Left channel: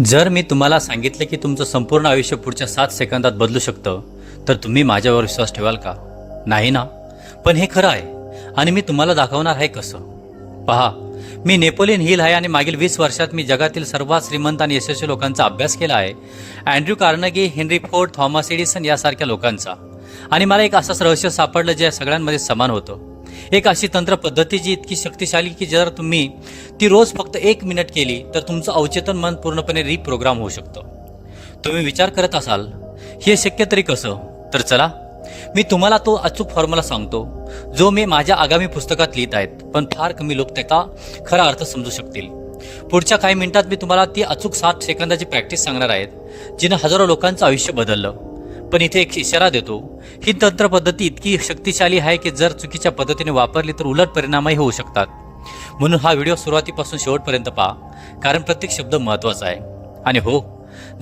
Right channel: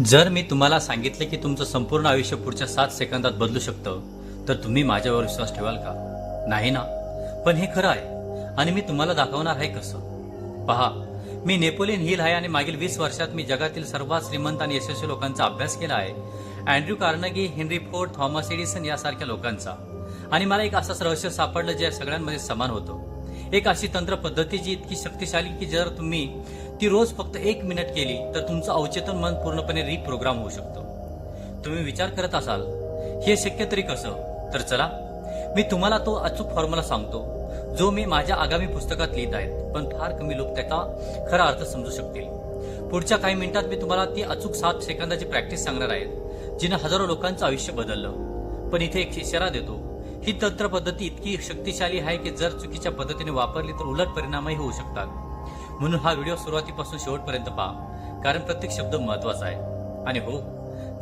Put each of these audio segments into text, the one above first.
जर मी तुम्हाला सांगितलं की तुमचं संपूर्ण आयुष्य पुढच्या 7 सेकंदात बदलू शकतं, तर तुम्ही माझ्यावर विश्वास ठेवाल का? नाही ना? पण हे खरं आहे आणि मी तुम्हाला दाखवणार आहे कसं. पहा, मी नेपोलियन हिल आहे आणि मागील 20 वर्षात मी जगातील सर्वात श्रीमंत आणि यशस्वी लोकांचा अभ्यास केला आहे. Andrew Carnegie, Henry Ford, Thomas Edison यासारख्या लोकांचा. आणि मला एक असंच रहस्य सापडलं जे सगळ्यांमध्ये समान होतं. एक अशी तंत्र पद्धती जी इतकी शक्तिशाली की जर तुम्ही ती रोज फक्त 1 मिनिट केली तर तुमचं अवचेतन मन पूर्णपणे रिप्रोग्राम होऊ शकतं. तुम्ही विचार करत असाल, हे शक्य तरी कसं? तर चला, मी तुम्हाला तो अचूक फॉर्म्युला सांगतो, जो मी माझ्या आगामी पुस्तकात लिहित आहेत, पण फार कमी लोक त्याचा खरा अर्थ समजू शकतील. पुढच्या काही मिनिटात मी तुम्हाला ती अचूक 7 सेकंदाची प्रॅक्टिस सांगणार आहेत, जिने हजारो लोकांचं आयुष्य बदललं. पण इथे एक इशारा देतो, ही तंत्र पद्धती इतकी शक्तिशाली आहे की जर चुकीच्या पद्धतीने वापरली तर उलट परिणामही होऊ शकतात. म्हणून हा व्हिडिओ सुरुवातीपासून शेवटपर्यंत पहा, कारण प्रत्येक शब्द महत्त्वाचा आहे. आणि हो,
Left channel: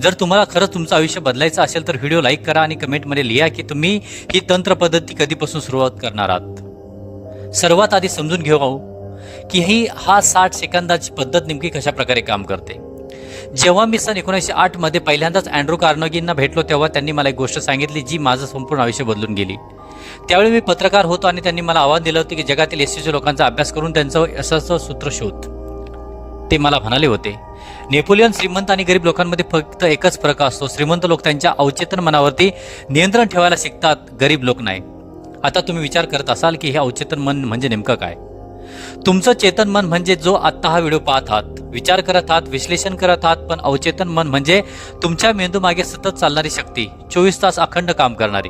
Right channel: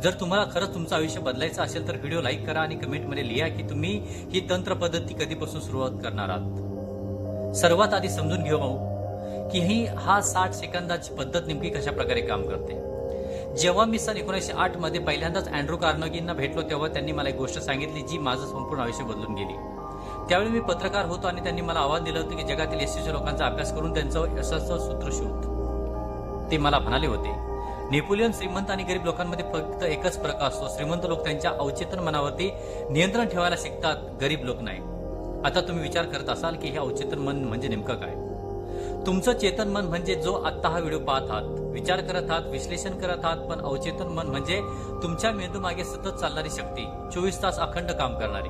जर तुम्हाला खरंच तुमचं आयुष्य बदलायचं असेल तर व्हिडिओ लाईक करा आणि कमेंटमध्ये लिहा की तुम्ही ही तंत्र पद्धती कधीपासून सुरुवात करणार आहात. सर्वात आधी समजून घेऊ की हा 60 सेकंदाची पद्धत नेमकी कशा प्रकारे काम करते. जेव्हा मी सन 1908 मध्ये पहिल्यांदाच अँड्र्यू कार्नेगींना भेटलो तेव्हा त्यांनी मला एक गोष्ट सांगितली जी माझं संपूर्ण आयुष्य बदलून गेली. त्यावेळी मी पत्रकार होतो आणि त्यांनी मला आव्हान दिलं होतं की जगातील यशस्वी लोकांचा अभ्यास करून त्यांचं यशाचं सूत्र शोध. ते मला म्हणाले होते, नेपोलियन श्रीमंत आणि गरीब लोकांमध्ये फक्त एकच फरक असतो, श्रीमंत लोक त्यांच्या अवचेतन मनावरती नियंत्रण ठेवायला शिकतात, गरीब लोक नाही. आता तुम्ही विचार करत असाल की हे अवचेतन मन म्हणजे नेमकं काय? तुमचं चेतन मन म्हणजे जो आत्ता हा व्हिडिओ पाहत आहात, विचार करत आहात, विश्लेषण करत आहात. पण अवचेतन मन म्हणजे तुमच्या मेंदू मागे सतत चालणारी शक्ती, 24 तास अखंड काम करणारी.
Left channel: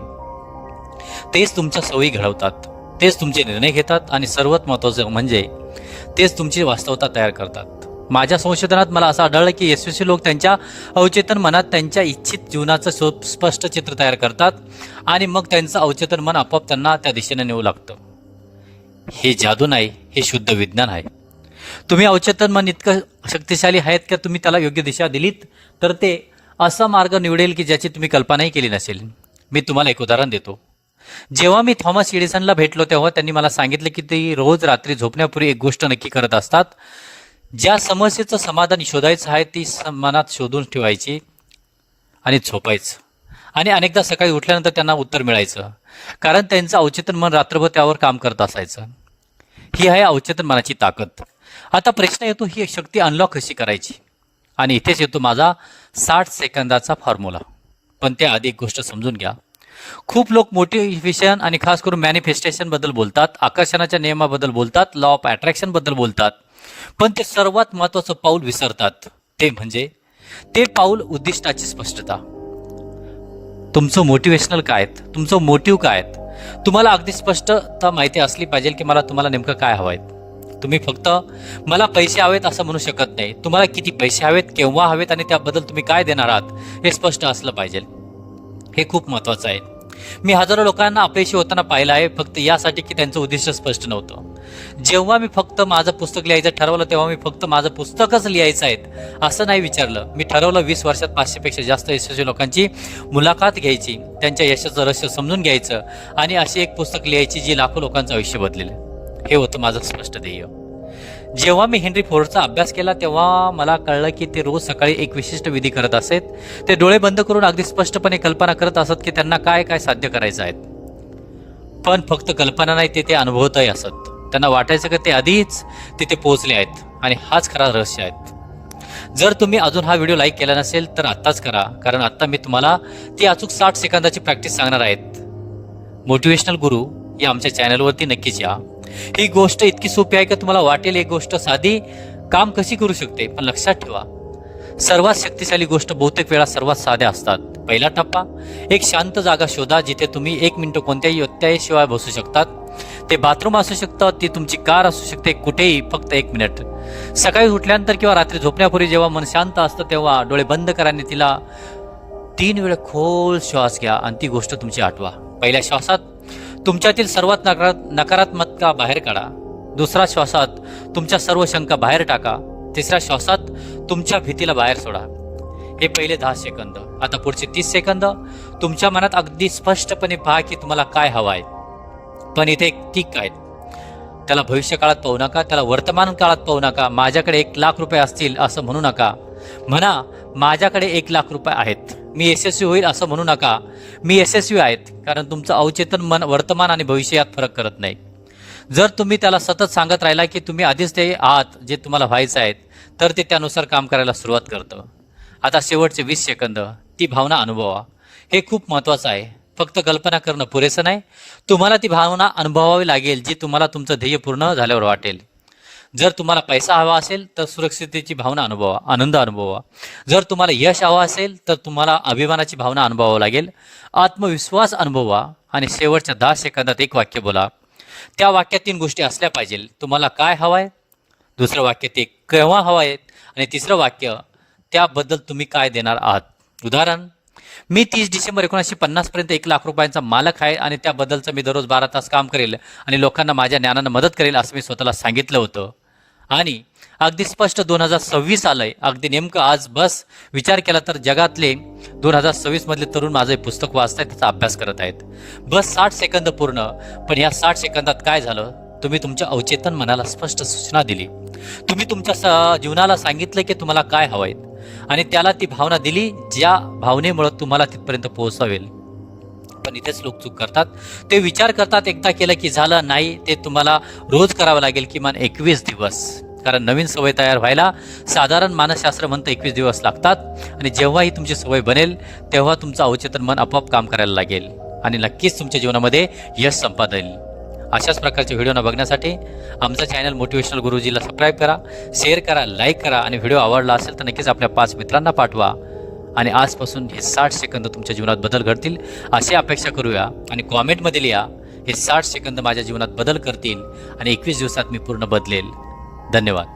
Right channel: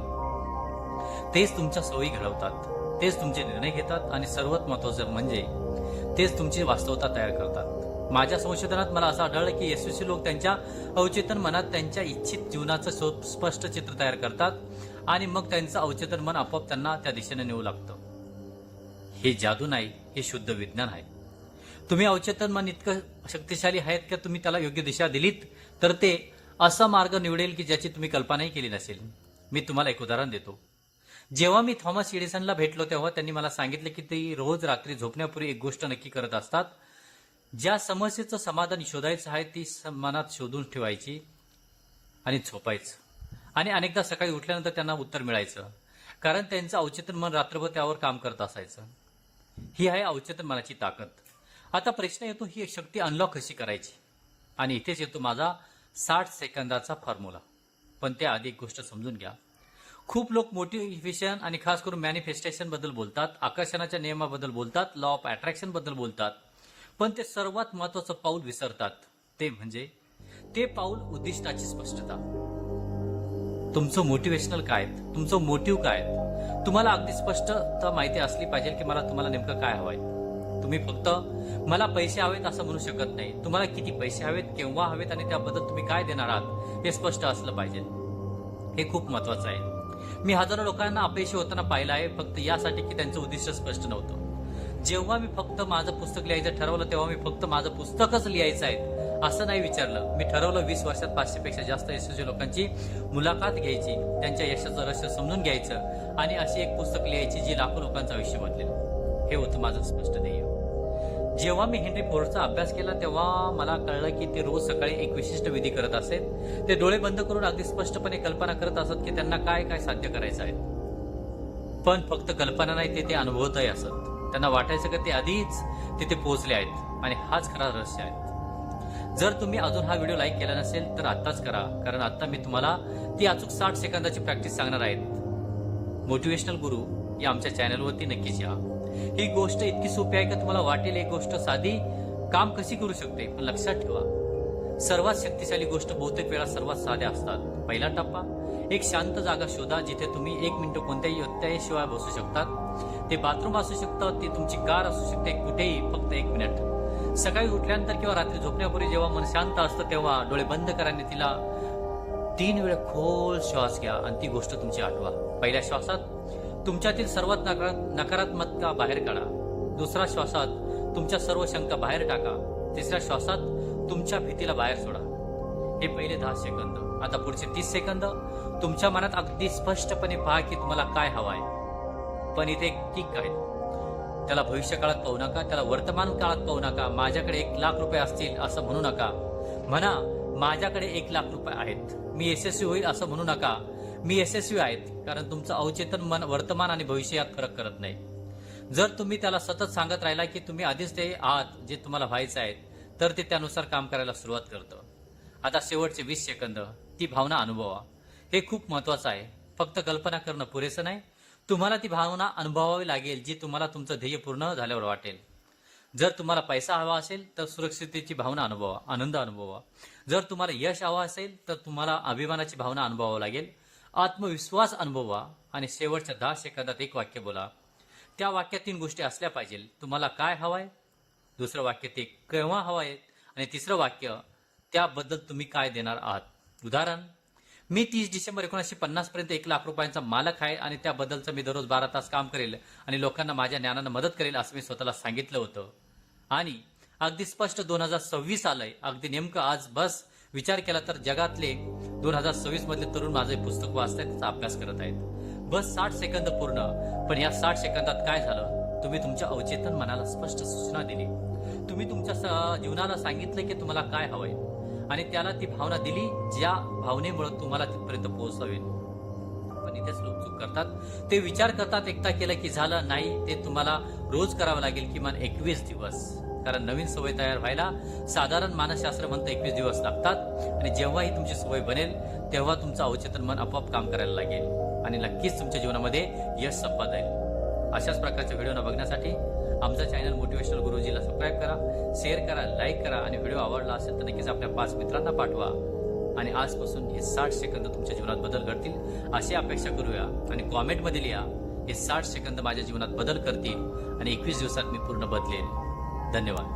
तेच तुमच्या सवयी घडवतात, तेच तुमचे निर्णय घेतात आणि सर्वात महत्त्वाचं म्हणजे तेच तुमची वास्तवता तयार करतात. माझ्या संशोधनात मला असं आढळलं की यशस्वी लोक त्यांच्या अवचेतन मनात त्यांच्या इच्छित जीवनाचं स्पष्ट चित्र तयार करतात आणि मग त्यांचं अवचेतन मन आपोआप त्यांना त्या दिशेने नेऊ लागतं. हे जादू नाही, हे शुद्ध विज्ञान आहे. तुम्ही अवचेतन मन इतकं शक्तिशाली आहेत की तुम्ही त्याला योग्य दिशा दिलीत तर ते असा मार्ग निवडेल की ज्याची तुम्ही कल्पनाही केली नसेल. मी तुम्हाला एक उदाहरण देतो. जेव्हा मी थॉमस एडिसनला भेटलो तेव्हा त्यांनी मला सांगितलं की ते रोज रात्री झोपण्यापूर्वी एक गोष्ट नक्की करत असतात. ज्या समस्येचं समाधान शोधायचं आहे ती मनात शोधून ठेवायची आणि झोपायचं. आणि अनेकदा सकाळी उठल्यानंतर त्यांना उत्तर मिळायचं, कारण त्यांचं अवचेतन मन रात्रभर त्यावर काम करत असायचं. ही आहे अवचेतन मनाची ताकद. आता प्रश्न येतो, ही शक्ती अनलॉक कशी करायची? आणि इथेच येतो माझा 60 सेकंदाचा फॉर्म्युला. पण त्याआधी एक गोष्ट समजून घ्या. खूप लोक मोटिवेशन आणि खास करून मॅनिफेस्टेशन बद्दल बोलतात, आकर्षणाच्या नियमाबद्दल बोलतात, लॉ ऑफ अट्रॅक्शन बद्दल बोलतात, पण ते सर्वात महत्त्वाचं पाऊल विसरतात. ते म्हणजे ते पाऊल उद्दिष्टाची स्पष्टता. तुमचं मोटिवेशनल काय आहेत, तुमचं मोटिव्ह काय आहेत? तुम्हाला अगदी स्पष्टता माहिती असली पाहिजे की मला तुम्हाला नेमकं काय हवं आहे. तुम्ही फक्त मला पैसे हवेत असं म्हणू शकत नाही. तुम्हाला किती पैसे हवेत, केव्हा हवेत आणि त्याबद्दल तुम्ही काय देणार आहात हे स्पष्ट असलं पाहिजे. हे खूप महत्त्वाचं आहे. मी हजारो लोकांना अपयशी होताना पाहिलं आहे, फक्त यासाठी की त्यांचं उद्दिष्ट स्पष्ट नव्हतं. जेव्हा मी फक्त माझं पुस्तक लिहायचं ठरवलं तेव्हा मी फक्त माझं पुस्तकच लिहायचं आहे असं नाही विचारलं. मी ठरवलं 20 वर्षात 500 पेक्षा जास्त यशस्वी लोकांची मुलाखत घ्यायची, त्यांच्या यशाचं रहस्य समजून घ्यायचं आणि अशी एक पुस्तक लिहायची जी लाखो लोकांचं आयुष्य बदलेलं. हे होतं माझं स्पष्ट ध्येय. जेव्हा मी हेनरी फोर्डचा अभ्यास केला तेव्हा मला कळलं की ते रोज सकाळी एक विशिष्ट विधी करत असत. ते डोळे बंद करून अगदी स्पष्टपणे कल्पना करत असत की त्यांना काय काय साध्य करायचं आहे. पण फक्त कल्पना नाही, ते अनुभवतही असत. त्यांना वाटायचं की ते आधीच तिथे पोहोचले आहेत आणि हाच खरा रहस्य आहेत. जर तुम्ही अजून हा व्हिडिओ लाईक केला नसेल तर आत्ताच करा, कारण आत्ता मी तुम्हाला ती अचूक 60 सेकंदाची प्रॅक्टिस सांगणार आहेत. मोटिवेशनल गुरु या आमच्या चॅनलवरती नक्कीच या. ही गोष्ट इतकी सोपी आहे की तुम्हाला वाटेल एक गोष्ट साधी काम कशी करू शकते. पण लक्षात ठेवा, सर्वात शक्तिशाली गोष्ट बहुतेक वेळा सर्वात साध्या असतात. पहिला टप्पा, एक शांत जागा शोधा जिथे तुम्ही 1 मिनिट कोणत्याही व्यत्ययाशिवाय बसू शकतात. ते बाथरूम असू शकतं, ती तुमची कार असू शकते, कुठेही फक्त 1 मिनिट. सकाळी उठल्यानंतर किंवा रात्री झोपण्यापूर्वी जेव्हा मन शांत असतं तेव्हा डोळे बंद करा आणि तिला 3 वेळा खोल श्वास घ्या आणि ती गोष्ट तुमची आठवा. पहिल्या श्वासात तुमच्यातील सर्वात नकारात्मकता बाहेर काढा. दुसऱ्या श्वासात तुमच्या सर्व शंका बाहेर टाका. तिसऱ्या श्वासात तुमच्या भीतीला बाहेर सोडा. हे पहिले 10 सेकंद. आता पुढचे 30 सेकंद तुमच्या मनात अगदी स्पष्टपणे पहा की तुम्हाला काय हवं आहे. पण इथे एक टिक आहे, त्याला भविष्य काळात पाहू नका, त्याला वर्तमान काळात पाहू नका. माझ्याकडे 1 लाख रुपये असतील असं म्हणू नका. म्हणा माझ्याकडे 1,00,000 रुपये आहेत, मी यशस्वी होईल असं म्हणू नका. मी यशस्वी आहेत कारण तुमचं अवचेतन मन वर्तमान आणि भविष्य यात फरक करत नाही. जर तुम्ही त्याला सतत सांगत राहिला की तुम्ही आधीच ते आहात जे तुम्हाला व्हायचं आहे, तर ते त्यानुसार काम करायला सुरुवात करतं. आता शेवटचे 20 सेकंद ती भावना अनुभवा. हे खूप महत्त्वाचं आहे. फक्त कल्पना करणं पुरेसं नाही, तुम्हाला ती भावना अनुभवावी लागेल जी तुम्हाला तुमचं ध्येय पूर्ण झाल्यावर वाटेल. जर तुम्हाला पैसा हवा असेल तर सुरक्षिततेची भावना अनुभवा, आनंद अनुभवा. जर तुम्हाला यश हवं असेल तर तुम्हाला अभिमानाची भावना अनुभवावं लागेल, आत्मविश्वास अनुभवा. आणि शेवटच्या 10 सेकंदात एक वाक्य बोला. त्या वाक्यात 3 गोष्टी असल्या पाहिजे. तुम्हाला काय हवं आहे, दुसरं वाक्य ते केव्हा हवं आहे, आणि तिसरं वाक्य त्याबद्दल तुम्ही काय देणार आहात. उदाहरण, मी 30 डिसेंबर 1950 पर्यंत 1,00,000 रुपयांचा मालक आहे आणि त्याबद्दलचं मी दररोज 12 तास काम करेल आणि लोकांना माझ्या ज्ञानानं मदत करेल असं मी स्वतःला सांगितलं होतं. आणि अगदी स्पष्ट 2026 आलंय, अगदी नेमकं आज. बस विचार केला तर जगातले 2026 मधले तरुण माझं हे पुस्तक वाचतायत, त्याचा अभ्यास करत आहेत. बस 60 सेकंद पूर्ण. पण या 60 सेकंदात काय झालं, तुम्ही तुमच्या अवचेतन मनाला स्पष्ट सूचना दिली. तुम्ही तुमच्या जीवनाला सांगितलं की तुम्हाला काय हवंय आणि त्याला ती भावना दिली ज्या भावनेमुळे तुम्हाला तिथपर्यंत पोहोचवेल. पण इथेच लोक चूक करतात. ते विचार करतात एकदा केलं की झालं. नाही, ते तुम्हाला रोज करावं लागेल, किमान 21 दिवस. कारण नवीन सवय तयार व्हायला साधारण मानसशास्त्र म्हणतं 21 दिवस लागतात. आणि जेव्हा ही तुमची सवय बनेल तेव्हा तुमचं अवचेतन मन आपोआप काम करायला लागेल आणि नक्कीच तुमच्या जीवनामध्ये यश संपादेल. अशाच प्रकारचे व्हिडिओ बघण्यासाठी आमचा चॅनल मोटिवेशनल गुरुजीला सबस्क्राईब करा, शेअर करा, लाईक करा. आणि व्हिडिओ आवडला असेल तर नक्कीच आपल्या 5 मित्रांना पाठवा. आणि आजपासून हे 60 सेकंद तुमच्या जीवनात बदल घडतील अशी अपेक्षा करूया. आणि कॉमेंटमध्ये लिहा, हे 60 सेकंद माझ्या जीवनात बदल करतील आणि 21 दिवसात मी पूर्ण बदलेल. धन्यवाद.